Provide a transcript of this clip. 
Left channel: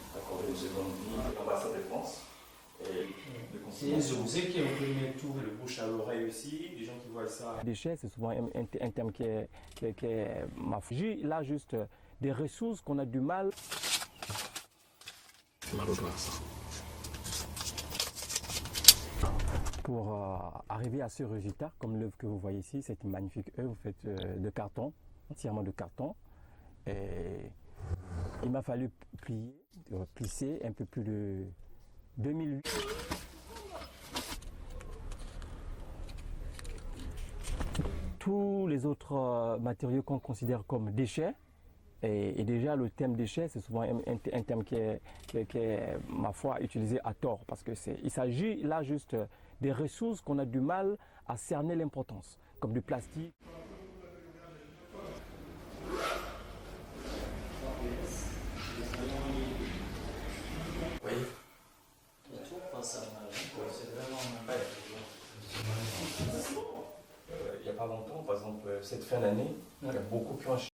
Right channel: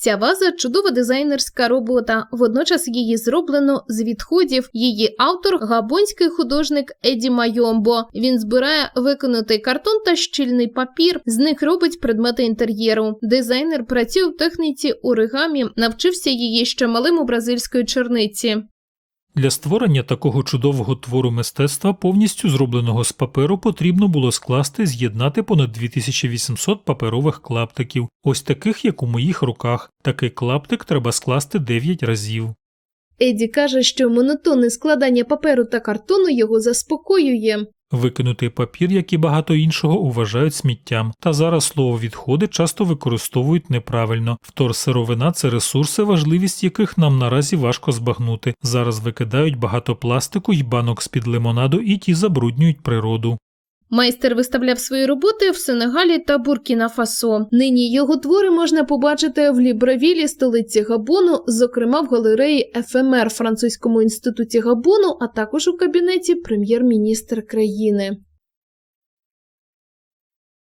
Ця ваза чудова дизайнерська робота. Водночас її зроблено з відходів. Її автор габонський художник Еді Майомбо. Він збирає викинутий картон та щільний папір. З них робить предмети інтер'єру. Дизайнер працює в техніці оригамі, навчився її ще малим у бразильської черниці. Для створення такого чудового твору мистецтва, повністю зробленого з паперу, потрібно було скласти з'єднати понад 2800 паперових клаптиків, ось таких, як у моїх руках. Такий клаптик треба скласти 9 разів. Еді каже, що монотонне складання паперу та картону його заспокоює. Викинутий папір, як і багато іншого, вважають сміттям. Та зараз слово відходи часто використовують неправильно. Вторсировина – це ресурси, важливість яких нам наразі важко збагнути. Зараз викидають багато пластику й банок з під лимонаду, і ті забруднюють природу. Майстер виставляв свої роботи в Сенегалі та Буркіна-Фасо. Нині його твори можна побачити в Лібравілі, столиці Габону, зокрема в галереї ФМР французькому інституті Габону, а також у кабінеті прем'єр-міністра країни.